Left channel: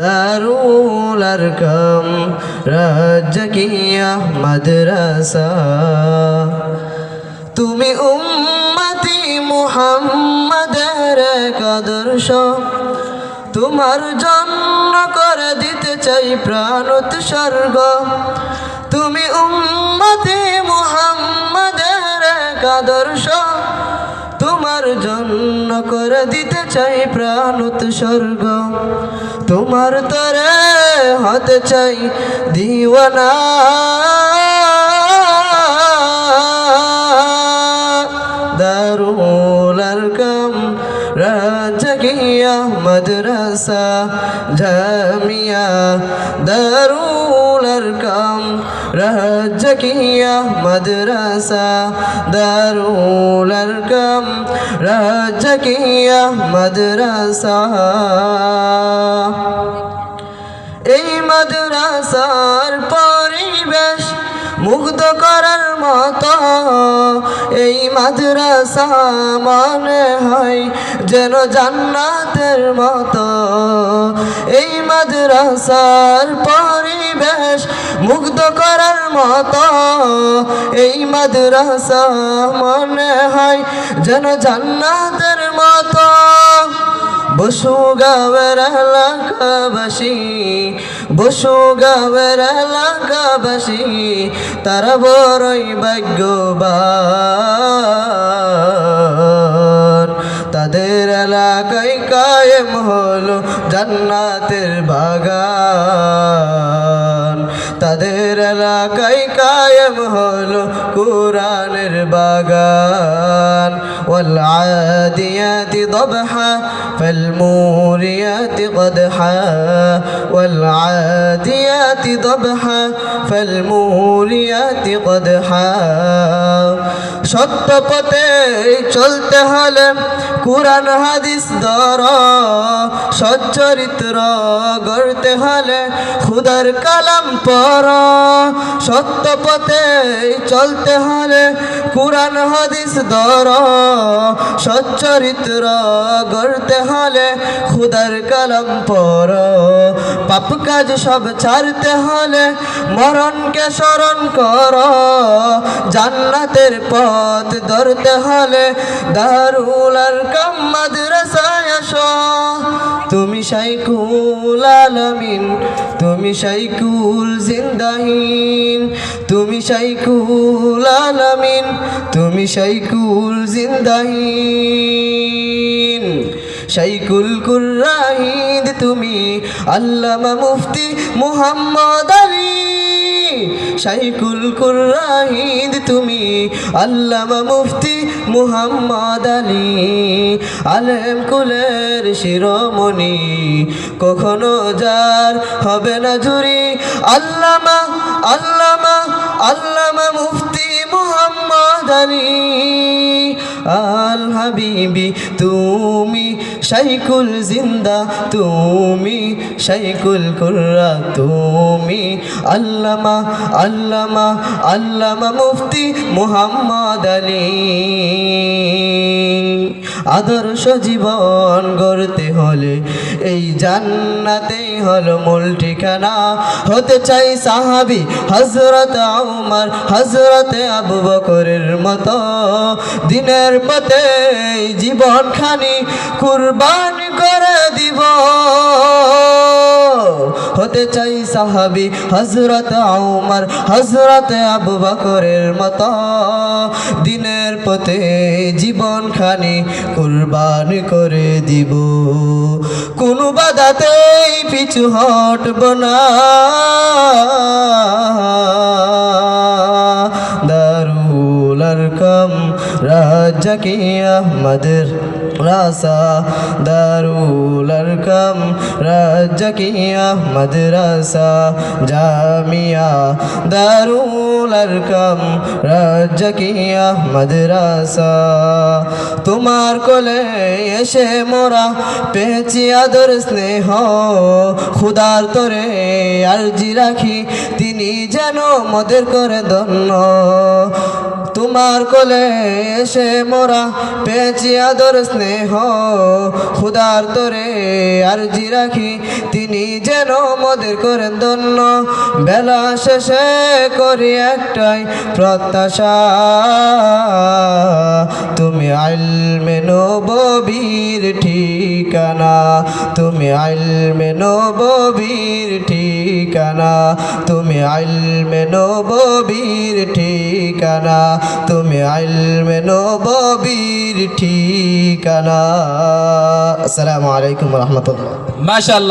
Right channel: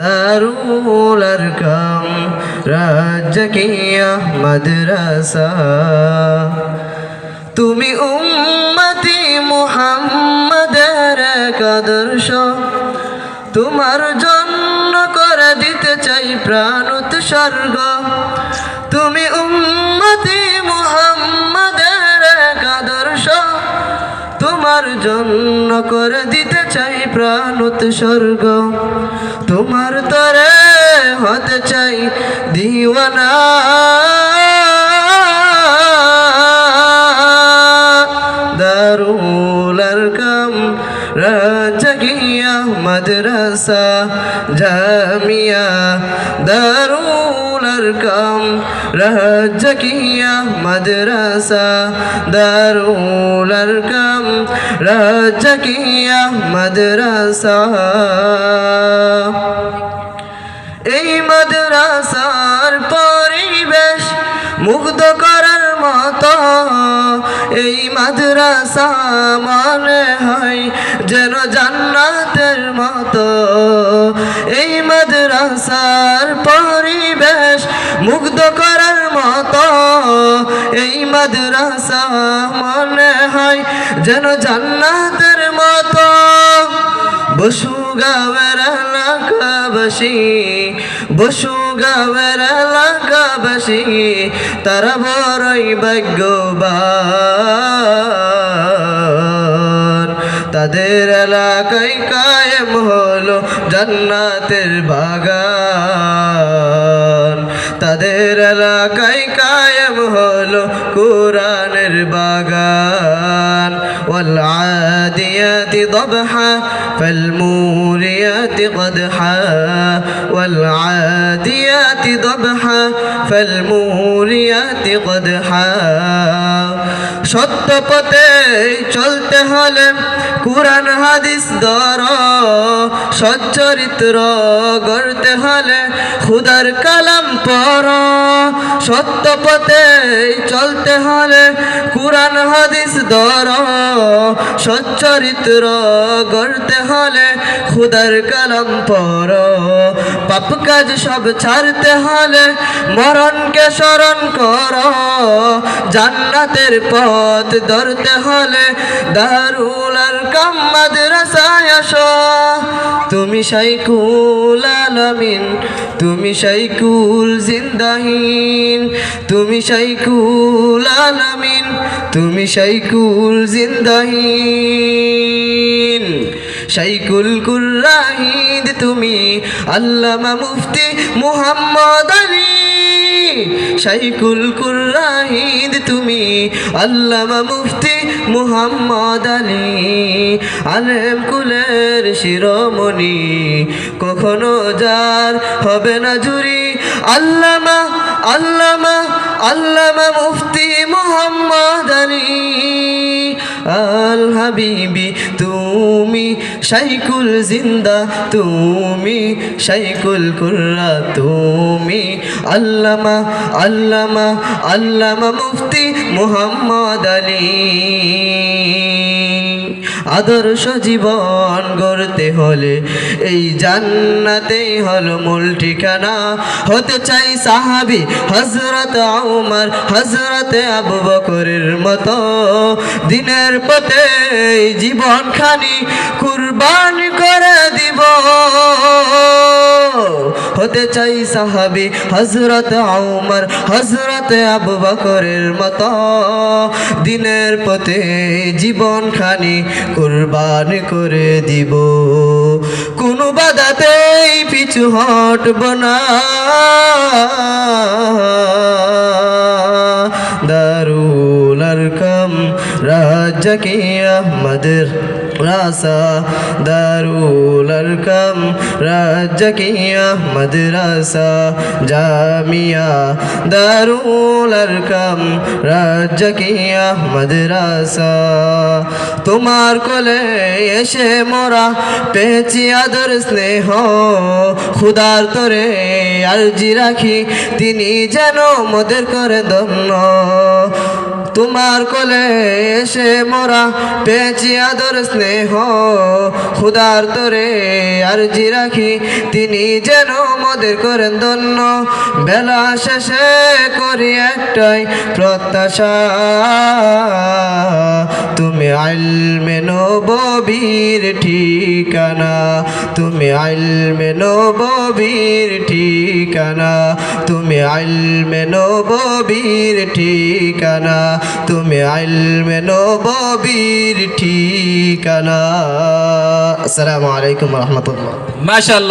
দারুল আরকাম রাজকিয়া মাদ্রাসা। তুমি উম্মতি মুহাম্মাদের এক আদর্শ তোমার জন্য করে দিতে চাই প্রাণ উৎসর্গ। তুমি উম্মতি মুহাম্মাদের এক আদর্শ তোমার জন্য করে দিতে চাই প্রাণ উৎসর্গ তোমার তরে হতে চাই দিওয়ানা। দারুল আরকাম রাজগিয়া মাদ্রাসা জামিয়া। দারুল আরকাম রাজগিয়া মাদ্রাসা দারুল আরকাম রাজগিয়া মাদ্রাসা এই মাদ্রাসার পরিবেশ মুগ্ধ করার মতো। এই মাদ্রাসা মনে হয় যেন জান্নাতের মতো। এই মাদ্রাসার পরিবেশ মুগ্ধ করার মতো। এই মাদ্রাসা মনে হয় যেন জান্নাতের মতো। বসু গাঁয়ের এলাকাবাসী, বসু গাঁয়ের এলাকাবাসী, তারা বড়ই ভাগ্যবান। তাদের এলাকায় কায়েম হলো জান্নাতের বাগান। তাদের এলাকায় কায়েম হলো কোরআনের বাগান والعاديات ضبحا فالموريات قدحا والعاديات ضبحا فالموريات قدحا সত্য পথে চলতে হলে কোরআন, হাদিস ধর সচ্চরিত্র গড়তে হলে খুদার কালাম পর। সত্য পথে চলতে হলে কোরআন, হাদিস ধর সচ্চরিত্র গড়তে হলে খুদার কালাম পর। পাপ কাজ সব ছাড়তে হলে মরণকে স্মরণ কর। জান্নাতের পথ ধরতে হলে দারুল আর কাম মাদ্রাসায় আসো। তুমি শাইকুল আলামিন, তুমি শাইকুল জিন্দাহীন। তুমি শাইকুল আলামিন, তুমি শাইকুল জিন্দাহিন। শাইকুল কুর্রাহিদ তুমি আল্লামা মুফতি মুহাম্মদ আলী। শাইকুল কুর্রাহিদ তুমি আল্লামা মুফতি মুহাম্মদ আলী। আলেম কুলের শিরোমণি কখনো যার হবে না ঝুরি। আল্লামা আল্লামা আল্লামা মুফতি মুহাম্মদ আলী। আল হাবিবি, তুমি শাইকুল জিন্দা, তুমি শাইকুল কুর্রা, তুমি আল্লামা আল্লামা আল্লামা মুফতি মুহাম্মদ আলী। আদর্শ জীবন গড়তে হলে এই জান্নাতেই হলো মূল ঠিকানা। হতে চাই সাহাবি হজরত উমর হজরত আবু বকরের মতো। দিনের পথে জীবনখানি জীবন খানি কুরবান করে দিব। হতে চাই সাহাবি হজরত উমর হজরত আবু বকরের মতো। দিনের পথে জীবন খানি কুরবান করে দিব। কোনো বাধাতেই পিছু হটব না। দারুল আরকাম রাজ্জাকি আহমদের রাসা। দারুল আরকাম রাজ্জাকি আহমদ রাসা জামিয়া দারুল আরকাম রাজ্জাকি আহমদ রাসা? তোমার কোলে এসে মোরা পেয়েছি আদর স্নেহ। খুদার তরে আরজি রাখি, তিনি যেন মোদের করে ধন্য। তোমার কোলে এসে মোরা পেয়েছি আদর স্নেহ। খুদার তোরে আর জি রাখি, তিনি যেন মোদের করেন ধন্য। বেলা শেষে করি একটাই প্রত্যাশা। তুমি আইলমে নবীর ঠিকানা। তুমি আইল আইলমে নবীর ঠিকানা। তুমি আইল আইলমে নবীর ঠিকানা। তুমি আইল আইলমে নবীর ঠিকানা। আসসালামু আলাইকুম রহমতুল্লাহ। মাশাআল্লাহ।